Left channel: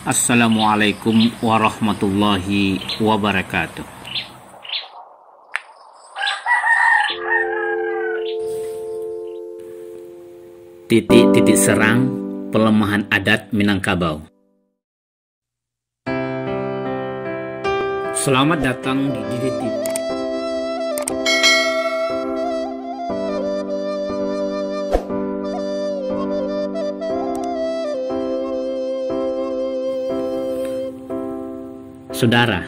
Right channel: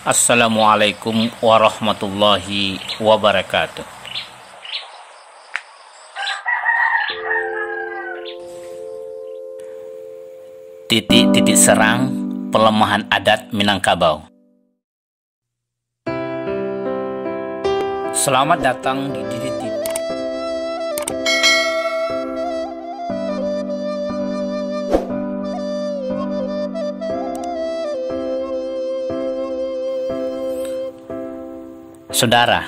Assalamualaikum warahmatullahi wabarakatuh. Titik-titik serang pelemahan adat Minangkabau. Selamat datang di DDTV. Saudara,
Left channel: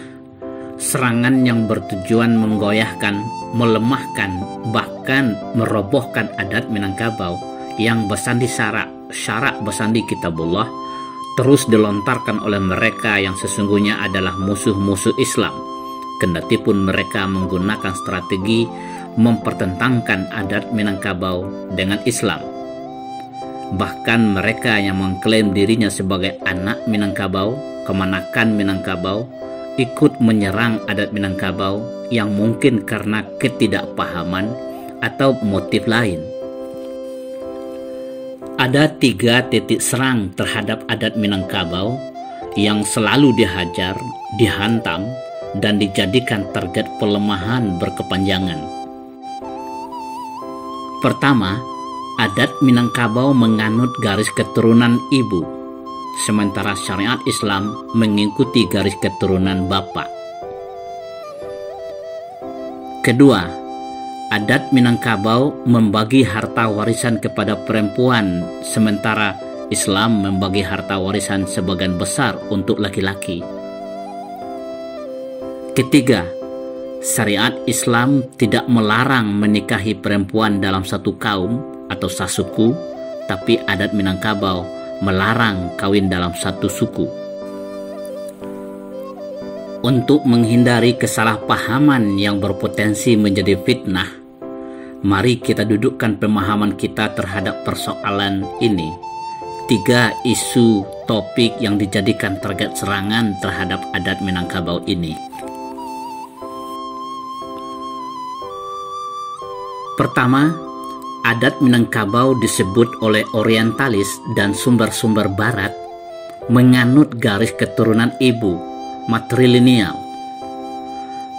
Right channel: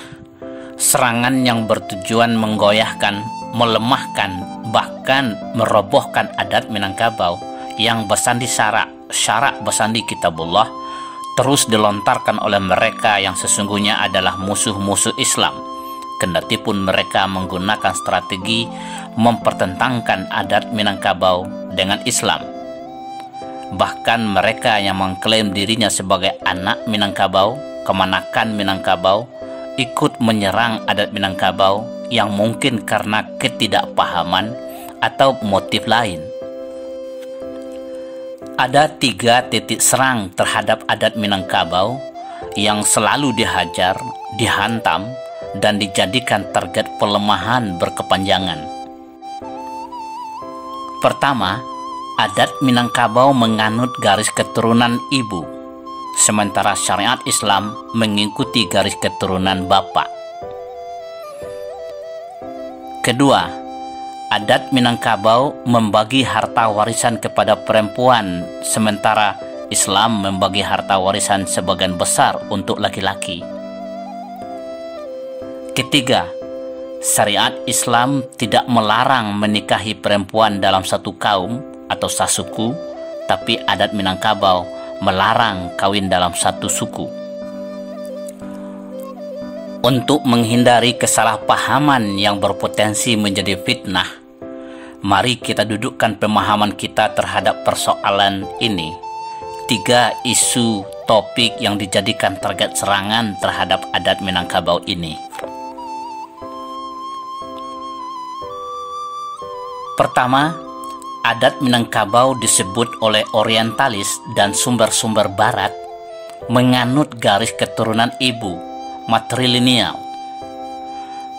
serangan yang bertujuan menggoyahkan, melemahkan, bahkan merobohkan adat Minangkabau yang bersandi syarak bersandi kitabullah terus dilontarkan oleh mereka yang sesungguhnya adalah musuh-musuh Islam, kendati pun mereka menggunakan strategi mempertentangkan adat Minangkabau dengan Islam. Bahkan mereka yang mengklaim dirinya sebagai anak Minangkabau, kemanakan Minangkabau, ikut menyerang adat Minangkabau yang mungkin karena ketidakpahaman atau motif lain. Ada 3 titik serang terhadap adat Minangkabau yang selalu dihajar, dihantam, dan dijadikan target pelemahan berkepanjangan. Pertama, adat Minangkabau menganut garis keturunan ibu, sementara syariat Islam mengikuti garis keturunan bapak. Kedua, adat Minangkabau membagi harta warisan kepada perempuan, sementara Islam membagi harta warisan sebagian besar untuk laki-laki. Ketiga, syariat Islam tidak melarang menikahi perempuan dalam satu kaum atau sasuku, tapi adat Minangkabau melarang kawin dalam satu suku. Untuk menghindari kesalahpahaman yang berpotensi menjadi fitnah, mari kita dudukkan pemahaman kita terhadap persoalan ini. 3 isu topik yang dijadikan target serangan terhadap adat Minangkabau ini. Pertama, adat Minangkabau disebut oleh orientalis dan sumber-sumber barat menganut garis keturunan ibu, matrilineal.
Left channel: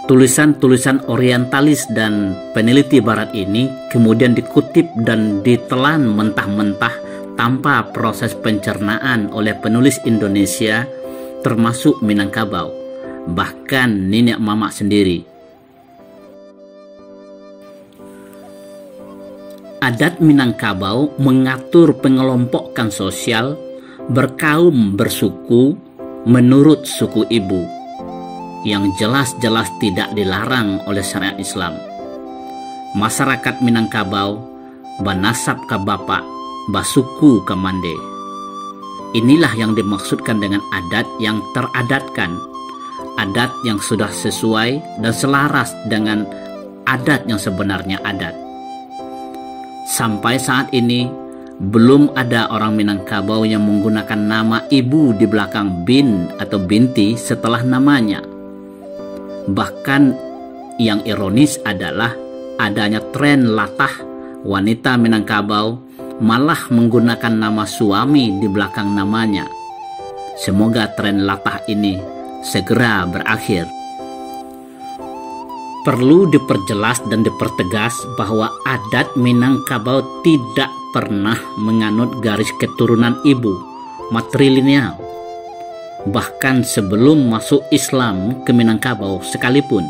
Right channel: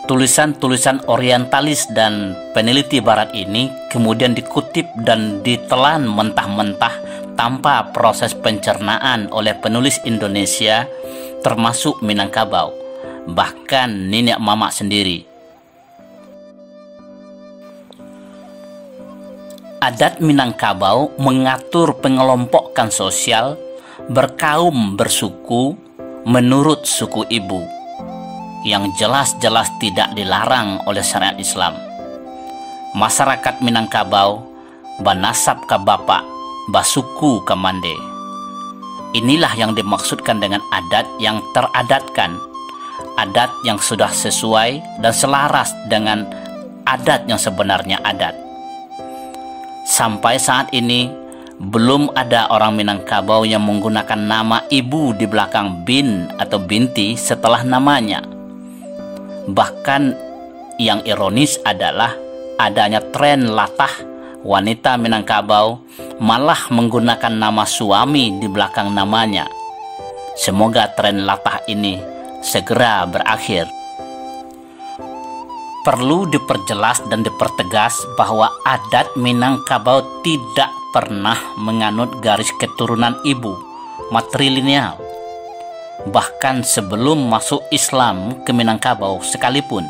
Tulisan-tulisan orientalis dan peneliti barat ini kemudian dikutip dan ditelan mentah-mentah tanpa proses pencernaan oleh penulis Indonesia termasuk Minangkabau, bahkan nenek mama sendiri. Adat Minangkabau mengatur pengelompokan sosial, berkaum, bersuku menurut suku ibu, yang jelas-jelas tidak dilarang oleh syariat Islam. Masyarakat Minangkabau banasab ka bapak, basuku ka mande. Inilah yang dimaksudkan dengan adat yang teradatkan, adat yang sudah sesuai dan selaras dengan adat yang sebenarnya adat. Sampai saat ini, belum ada orang Minangkabau yang menggunakan nama ibu di belakang bin atau binti setelah namanya. Bahkan yang ironis adalah adanya tren latah wanita Minangkabau malah menggunakan nama suami di belakang namanya. Semoga tren latah ini segera berakhir. Perlu diperjelas dan dipertegas bahwa adat Minangkabau tidak pernah menganut garis keturunan ibu, matrilineal. Bahkan sebelum masuk Islam ke Minangkabau sekalipun,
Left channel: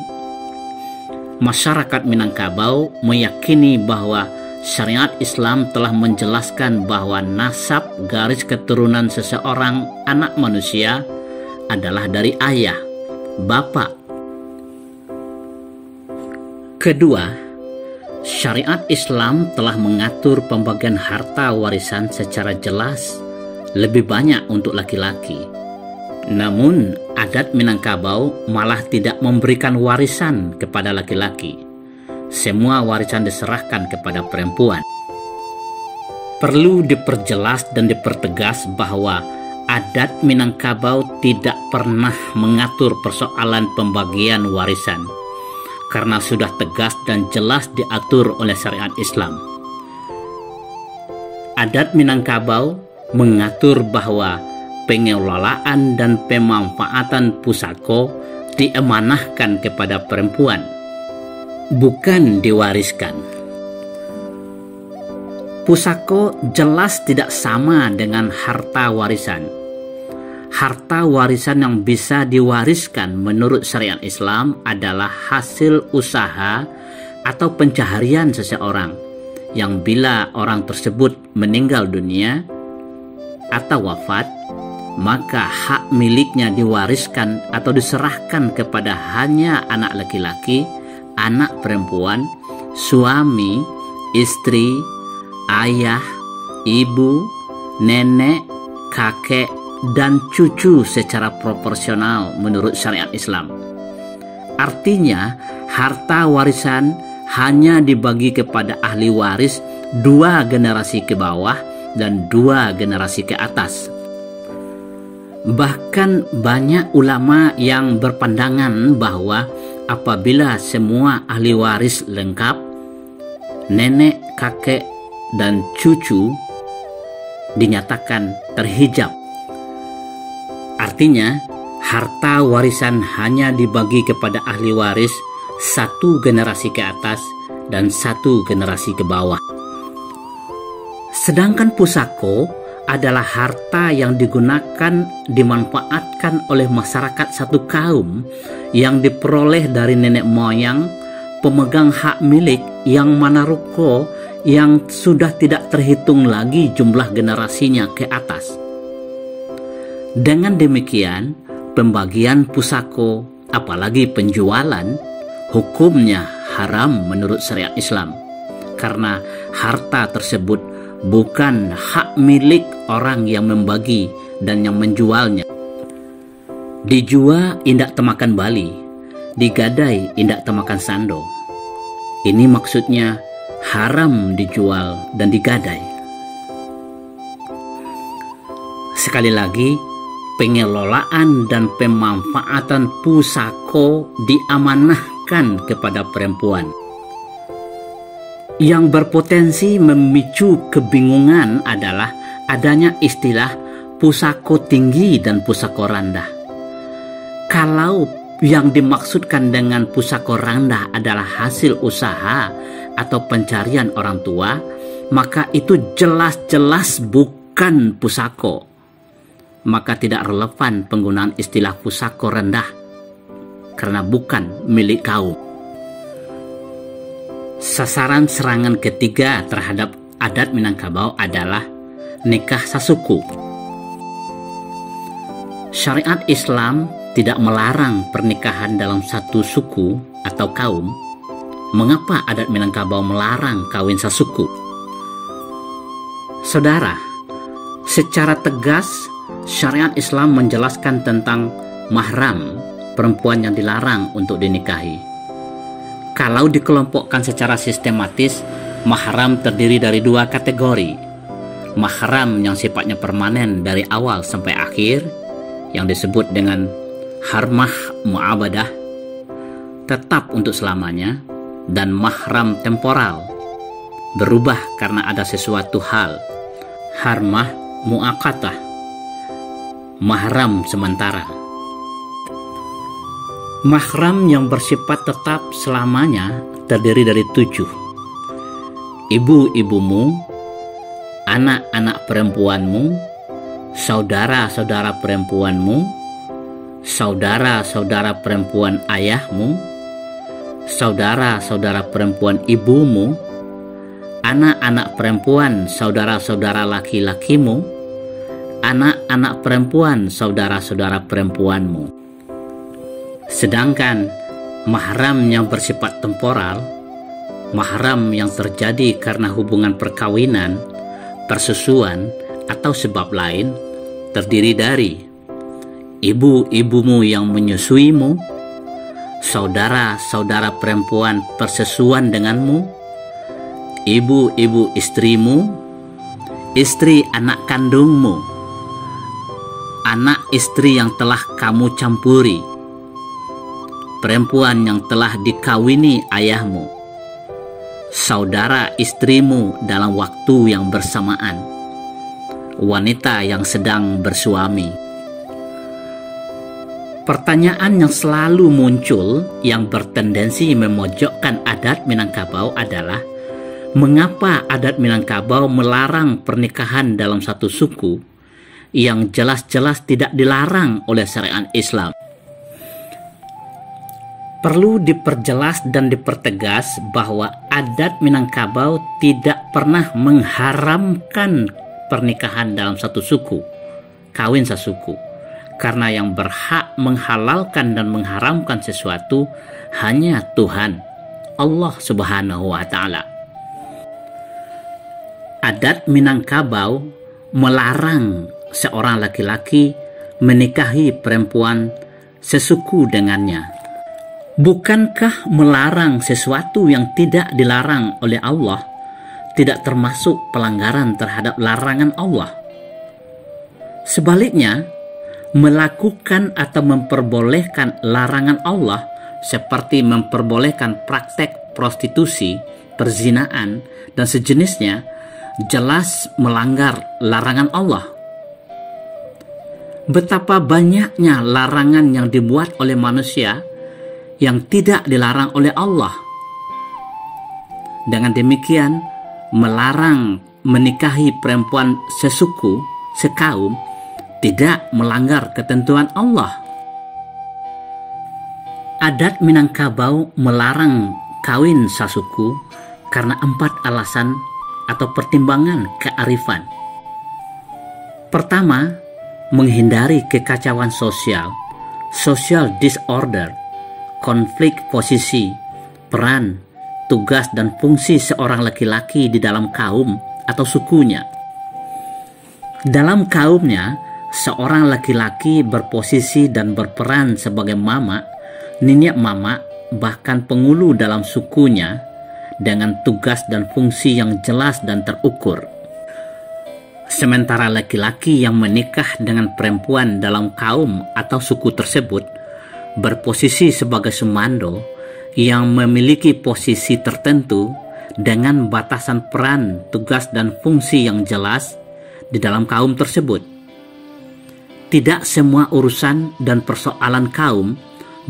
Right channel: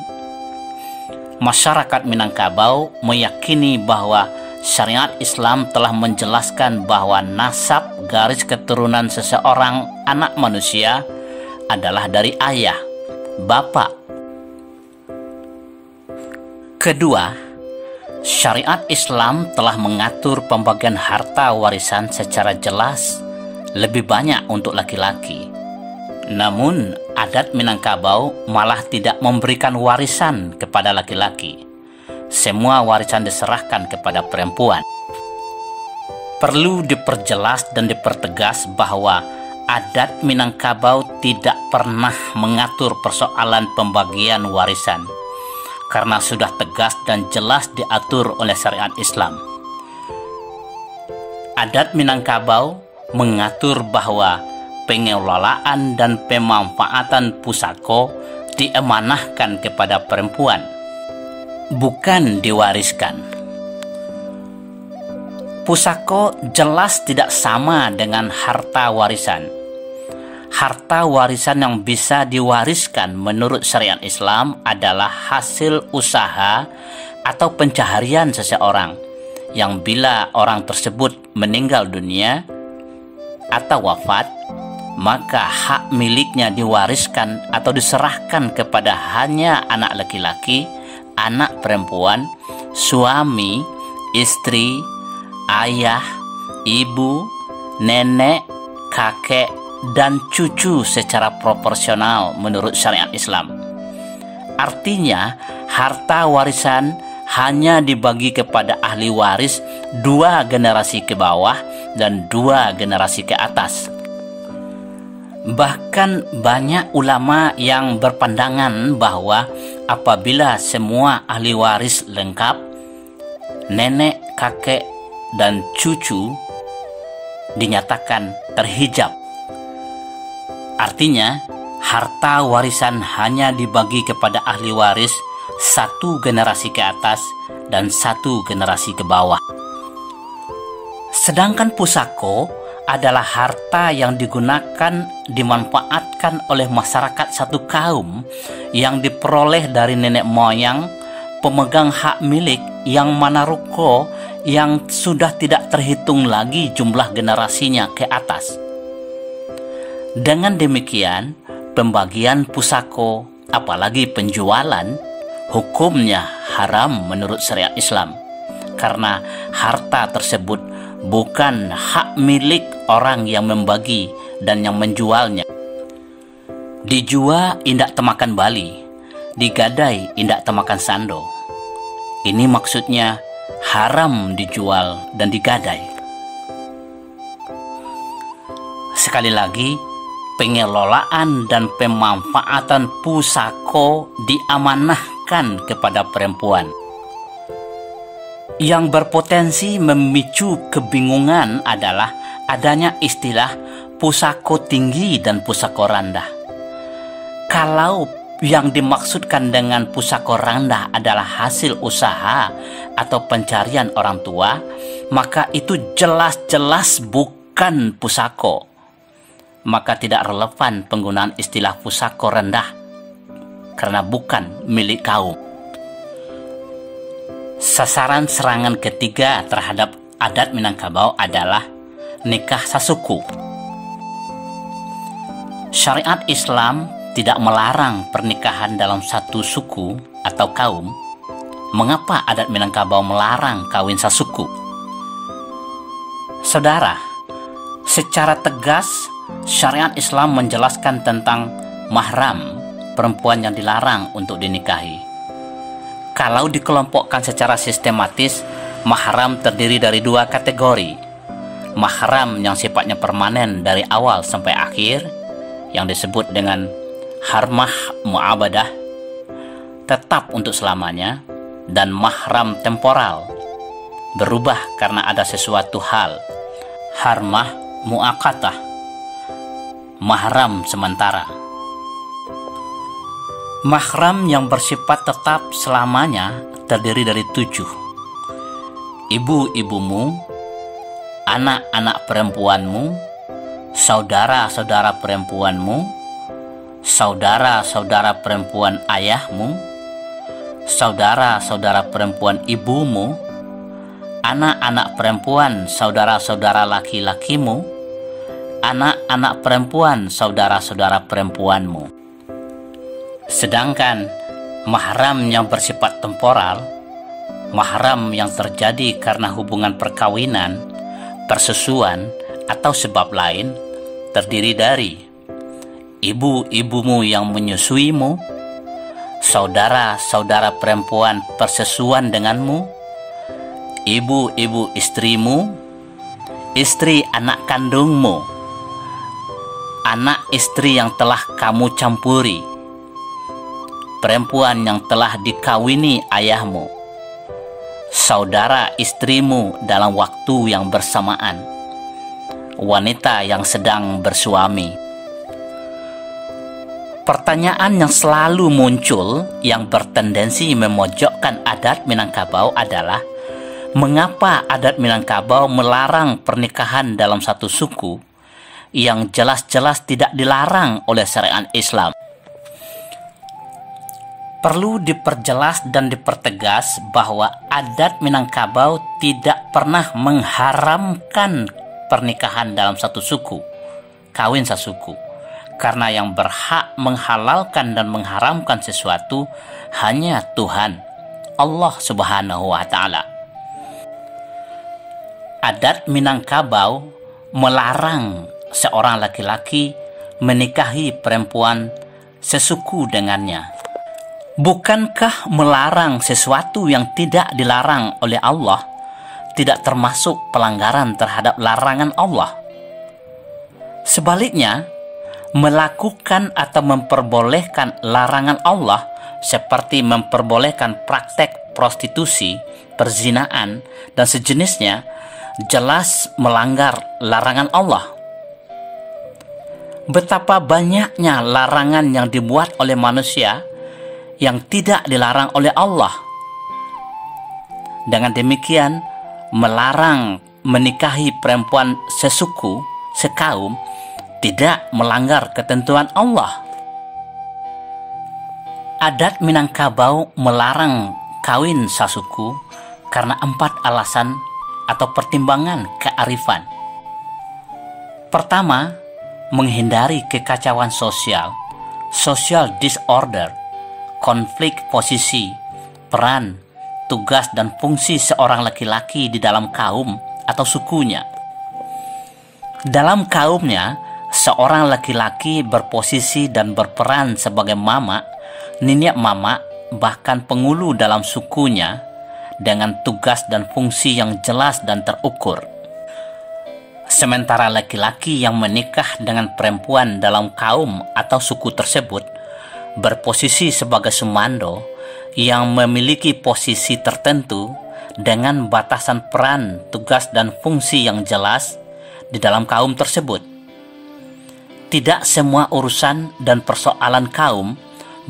masyarakat Minangkabau meyakini bahwa syariat Islam telah menjelaskan bahwa nasab garis keturunan seseorang anak manusia adalah dari ayah, bapak. Kedua, syariat Islam telah mengatur pembagian harta warisan secara jelas, lebih banyak untuk laki-laki. Namun, adat Minangkabau malah tidak memberikan warisan kepada laki-laki. Semua warisan diserahkan kepada perempuan. Perlu diperjelas dan dipertegas bahwa adat Minangkabau tidak pernah mengatur persoalan pembagian warisan, karena sudah tegas dan jelas diatur oleh syariat Islam. Adat Minangkabau mengatur bahwa pengelolaan dan pemanfaatan pusako diamanahkan kepada perempuan, bukan diwariskan. Pusako jelas tidak sama dengan harta warisan. Harta warisan yang bisa diwariskan menurut syariat Islam adalah hasil usaha atau pencaharian seseorang yang bila orang tersebut meninggal dunia atau wafat, maka hak miliknya diwariskan atau diserahkan kepada hanya anak laki-laki, anak perempuan, suami, istri, ayah, ibu, nenek, kakek, dan cucu secara proporsional menurut syariat Islam. Artinya, harta warisan hanya dibagi kepada ahli waris 2 generasi ke bawah dan 2 generasi ke atas. Bahkan banyak ulama yang berpandangan bahwa apabila semua ahli waris lengkap, nenek, kakek, dan cucu dinyatakan terhijab. Artinya, harta warisan hanya dibagi kepada ahli waris 1 generasi ke atas dan 1 generasi ke bawah. Sedangkan pusako adalah harta yang dimanfaatkan oleh masyarakat satu kaum yang diperoleh dari nenek moyang pemegang hak milik yang mana ruko yang sudah tidak terhitung lagi jumlah generasinya ke atas. Dengan demikian, pembagian pusako, apalagi penjualan, hukumnya haram menurut syariat Islam, karena harta tersebut bukan hak milik orang yang membagi dan yang menjualnya. Dijual indak temakan bali, digadai indak temakan sando. Ini maksudnya haram dijual dan digadai. Sekali lagi, pengelolaan dan pemanfaatan pusako diamanahkan kepada perempuan. Yang berpotensi memicu kebingungan adalah adanya istilah pusako tinggi dan pusako rendah. Kalau yang dimaksudkan dengan pusako rendah adalah hasil usaha atau pencarian orang tua, maka itu jelas-jelas bukan pusako. Maka tidak relevan penggunaan istilah pusako rendah karena bukan milik kaum. Sasaran serangan ketiga terhadap adat Minangkabau adalah nikah sasuku. Syariat Islam tidak melarang pernikahan dalam satu suku atau kaum. Mengapa adat Minangkabau melarang kawin sasuku? Saudara, secara tegas syariat Islam menjelaskan tentang mahram, perempuan yang dilarang untuk dinikahi. Kalau dikelompokkan secara sistematis, mahram terdiri dari 2 kategori. Mahram yang sifatnya permanen dari awal sampai akhir, yang disebut dengan harmah mu'abadah, tetap untuk selamanya, dan mahram temporal, berubah karena ada sesuatu hal, harmah mu'akatah, mahram sementara. Mahram yang bersifat tetap selamanya terdiri dari 7. Ibu-ibumu, anak-anak perempuanmu, saudara-saudara perempuanmu, saudara-saudara perempuan ayahmu, saudara-saudara perempuan ibumu, anak-anak perempuan saudara-saudara laki-lakimu, anak-anak perempuan saudara-saudara perempuanmu. Sedangkan mahram yang bersifat temporal, mahram yang terjadi karena hubungan perkawinan, persusuan, atau sebab lain, terdiri dari ibu-ibumu yang menyusuimu, saudara-saudara perempuan persesuan denganmu, ibu-ibu istrimu, istri anak kandungmu, anak istri yang telah kamu campuri, perempuan yang telah dikawini ayahmu, saudara istrimu dalam waktu yang bersamaan, wanita yang sedang bersuami. Pertanyaan yang selalu muncul yang bertendensi memojokkan adat Minangkabau adalah, mengapa adat Minangkabau melarang pernikahan dalam satu suku yang jelas-jelas tidak dilarang oleh syariat Islam? Perlu diperjelas dan dipertegas bahwa adat Minangkabau tidak pernah mengharamkan pernikahan dalam satu suku, kawin sasuku, karena yang berhak menghalalkan dan mengharamkan sesuatu hanya Tuhan, Allah Subhanahu wa Ta'ala. Adat Minangkabau melarang seorang laki-laki menikahi perempuan sesuku dengannya. Bukankah melarang sesuatu yang tidak dilarang oleh Allah tidak termasuk pelanggaran terhadap larangan Allah? Sebaliknya, melakukan atau memperbolehkan larangan Allah seperti memperbolehkan praktek prostitusi, perzinaan, dan sejenisnya jelas melanggar larangan Allah. Betapa banyaknya larangan yang dibuat oleh manusia yang tidak dilarang oleh Allah. Dengan demikian, melarang menikahi perempuan sesuku, sekaum, tidak melanggar ketentuan Allah. Adat Minangkabau melarang kawin sasuku karena 4 alasan atau pertimbangan kearifan. Pertama, menghindari kekacauan sosial, social disorder, konflik posisi, peran, tugas, dan fungsi seorang laki-laki di dalam kaum atau sukunya. Dalam kaumnya, seorang laki-laki berposisi dan berperan sebagai mama, nenek mama, bahkan pengulu dalam sukunya dengan tugas dan fungsi yang jelas dan terukur. Sementara laki-laki yang menikah dengan perempuan dalam kaum atau suku tersebut berposisi sebagai sumando yang memiliki posisi tertentu dengan batasan peran, tugas, dan fungsi yang jelas di dalam kaum tersebut. Tidak semua urusan dan persoalan kaum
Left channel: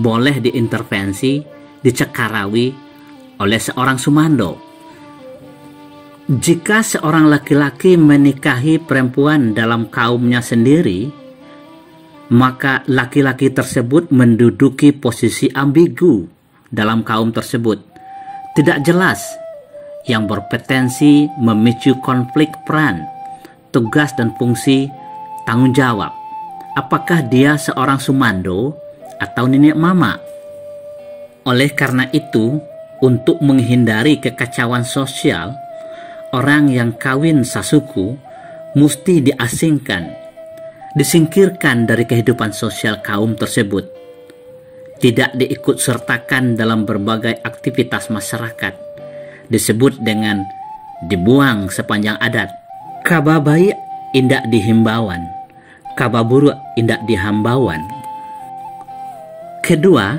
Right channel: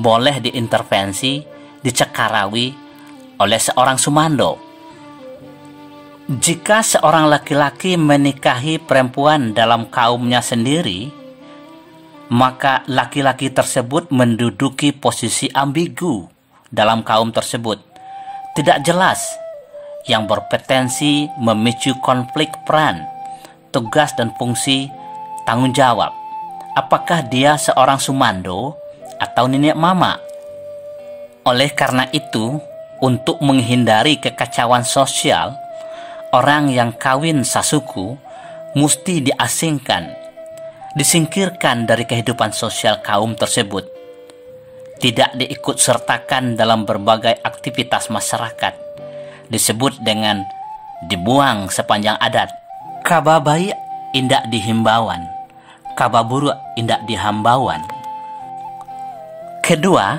boleh diintervensi, dicekarawi oleh seorang sumando. Jika seorang laki-laki menikahi perempuan dalam kaumnya sendiri, maka laki-laki tersebut menduduki posisi ambigu dalam kaum tersebut, tidak jelas, yang berpotensi memicu konflik peran, tugas, dan fungsi tanggung jawab. Apakah dia seorang sumando atau nenek mama? Oleh karena itu, untuk menghindari kekacauan sosial, orang yang kawin sasuku mesti diasingkan, disingkirkan dari kehidupan sosial kaum tersebut, tidak diikut sertakan dalam berbagai aktivitas masyarakat, disebut dengan dibuang sepanjang adat. Kababai indak dihimbauan, kababuru indak dihambauan. Kedua,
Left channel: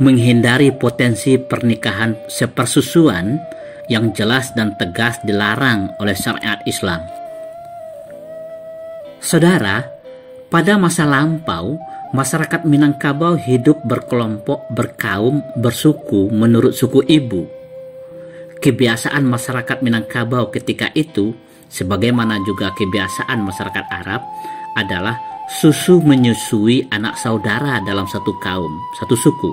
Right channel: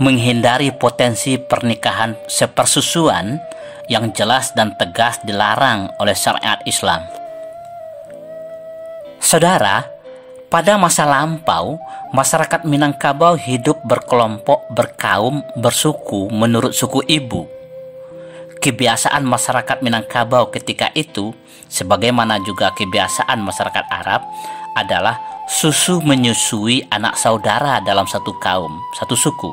menghindari potensi pernikahan sepersusuan yang jelas dan tegas dilarang oleh syariat Islam. Saudara, pada masa lampau, masyarakat Minangkabau hidup berkelompok, berkaum, bersuku menurut suku ibu. Kebiasaan masyarakat Minangkabau ketika itu, sebagaimana juga kebiasaan masyarakat Arab, adalah susu menyusui anak saudara dalam satu kaum, satu suku.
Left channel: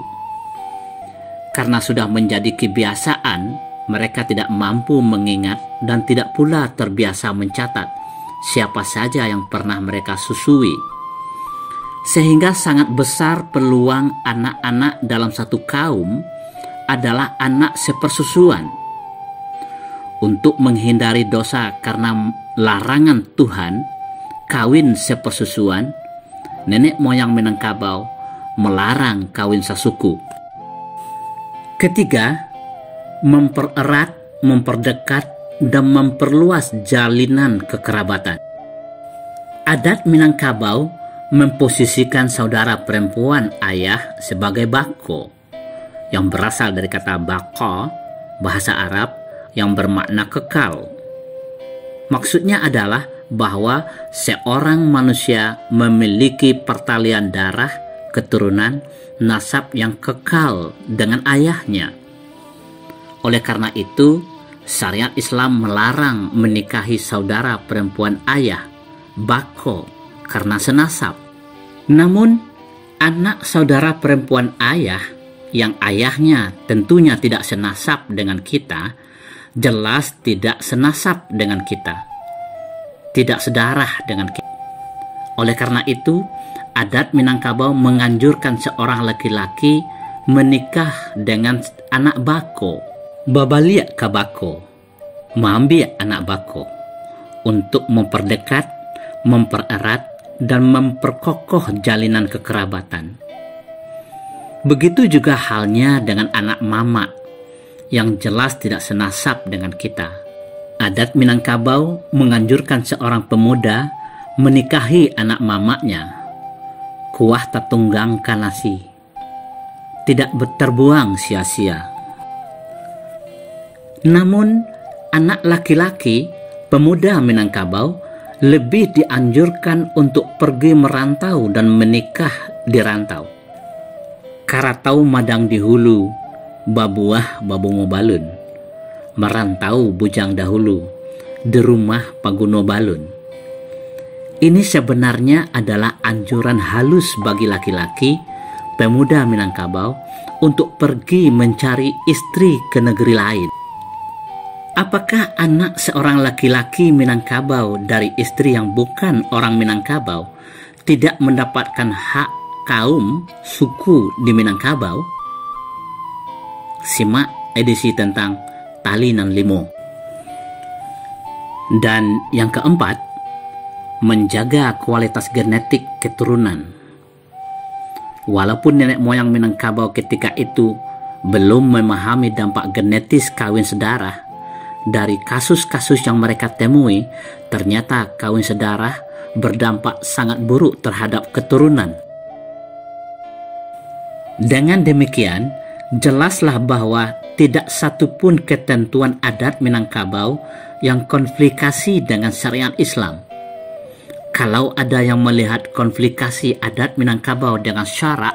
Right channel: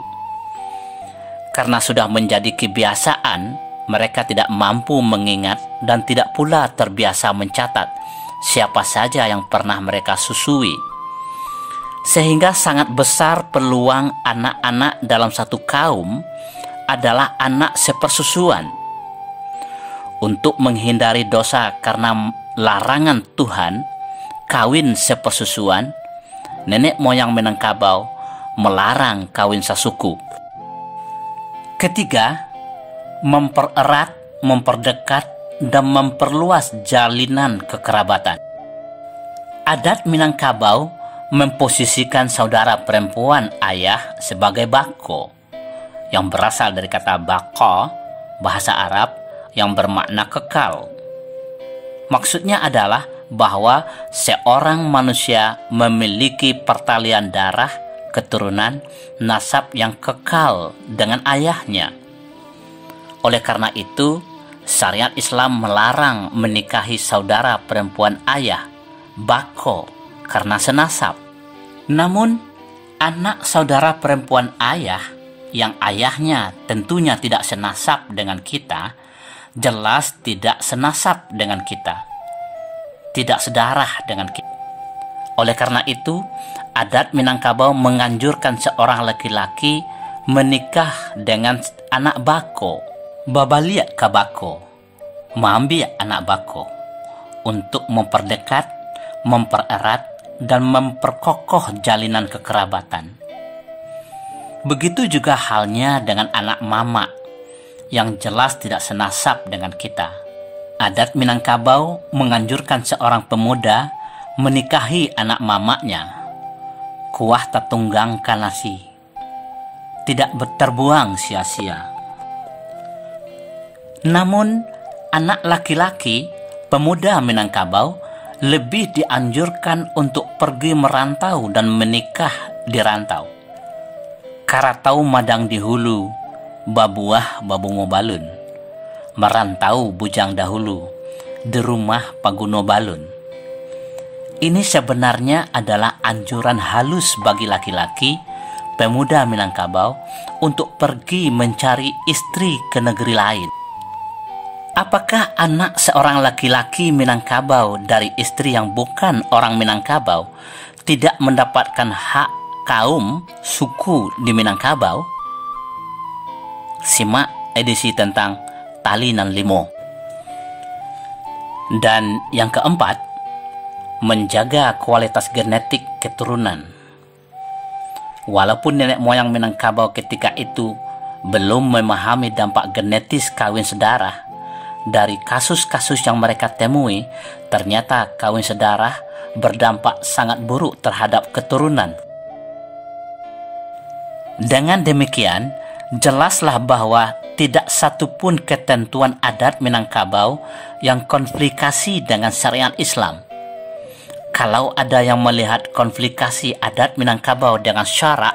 Karena sudah menjadi kebiasaan, mereka tidak mampu mengingat dan tidak pula terbiasa mencatat siapa saja yang pernah mereka susui. Sehingga sangat besar peluang anak-anak dalam satu kaum adalah anak sepersusuan. Untuk menghindari dosa karena larangan Tuhan, kawin sepersusuan, nenek moyang Minangkabau melarang kawin sasuku. Ketiga, mempererat, memperdekat, dan memperluas jalinan kekerabatan. Adat Minangkabau memposisikan saudara perempuan ayah sebagai bako, yang berasal dari kata bako, bahasa Arab yang bermakna kekal. Maksudnya adalah bahwa seorang manusia memiliki pertalian darah, keturunan, nasab yang kekal dengan ayahnya. Oleh karena itu, syariat Islam melarang menikahi saudara perempuan ayah, bako, karena senasab. Namun, anak saudara perempuan ayah yang ayahnya tentunya tidak senasab dengan kita, jelas tidak senasab dengan kita, tidak sedarah dengan kita. Oleh karena itu, adat Minangkabau menganjurkan seorang laki-laki menikah dengan anak bako, babalia ka bako, maambia anak bako, untuk memperdekat, mempererat, dan memperkokoh jalinan kekerabatan. Begitu juga halnya dengan anak mama yang jelas tidak senasab dengan kita. Adat Minangkabau menganjurkan seorang pemuda menikahi anak mamanya. Kuah tatunggang kanasi, tidak terbuang sia-sia. Namun, anak laki-laki pemuda Minangkabau lebih dianjurkan untuk pergi merantau dan menikah di rantau. Karatau madang di hulu, babuah babungo balun. Merantau bujang dahulu, di rumah paguno balun. Ini sebenarnya adalah anjuran halus bagi laki-laki, pemuda Minangkabau, untuk pergi mencari istri ke negeri lain. Apakah anak seorang laki-laki Minangkabau dari istri yang bukan orang Minangkabau tidak mendapatkan hak kaum suku di Minangkabau? Simak edisi tentang Tali nan Limo. Dan yang keempat, menjaga kualitas genetik keturunan. Walaupun nenek moyang Minangkabau ketika itu belum memahami dampak genetis kawin sedarah, dari kasus-kasus yang mereka temui, ternyata kawin sedarah berdampak sangat buruk terhadap keturunan. Dengan demikian, jelaslah bahwa tidak satupun ketentuan adat Minangkabau yang konflikasi dengan syariat Islam. Kalau ada yang melihat konflikasi adat Minangkabau dengan syarak,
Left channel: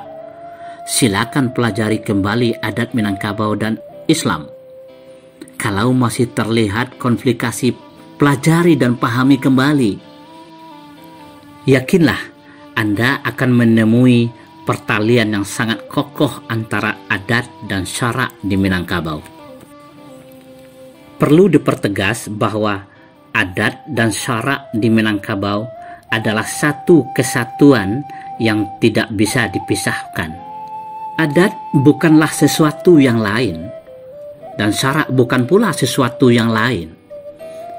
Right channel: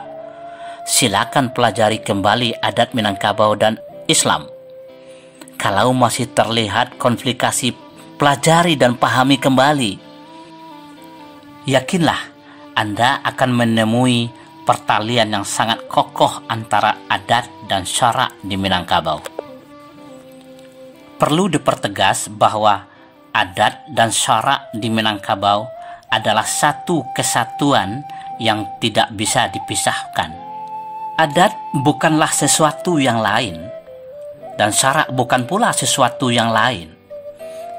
silakan pelajari kembali adat Minangkabau dan Islam. Kalau masih terlihat konflikasi, pelajari dan pahami kembali. Yakinlah, Anda akan menemui pertalian yang sangat kokoh antara adat dan syarak di Minangkabau. Perlu dipertegas bahwa adat dan syarak di Minangkabau adalah satu kesatuan yang tidak bisa dipisahkan. Adat bukanlah sesuatu yang lain, dan syarak bukan pula sesuatu yang lain.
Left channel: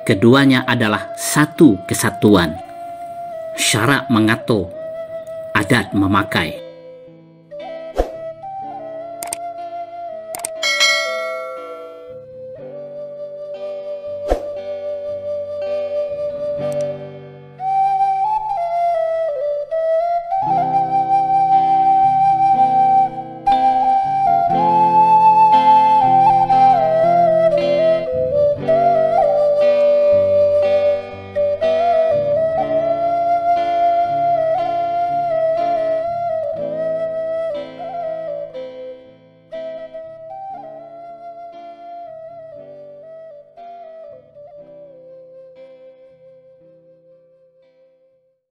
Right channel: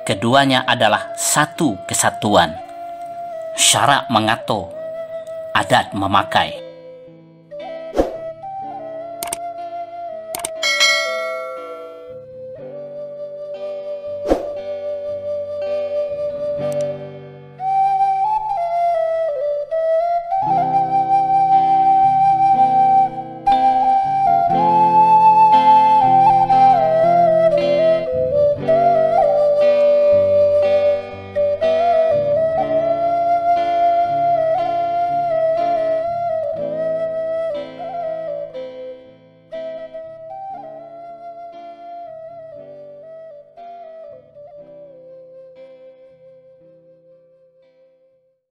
Keduanya adalah satu kesatuan. Syarak mengatur, adat memakai.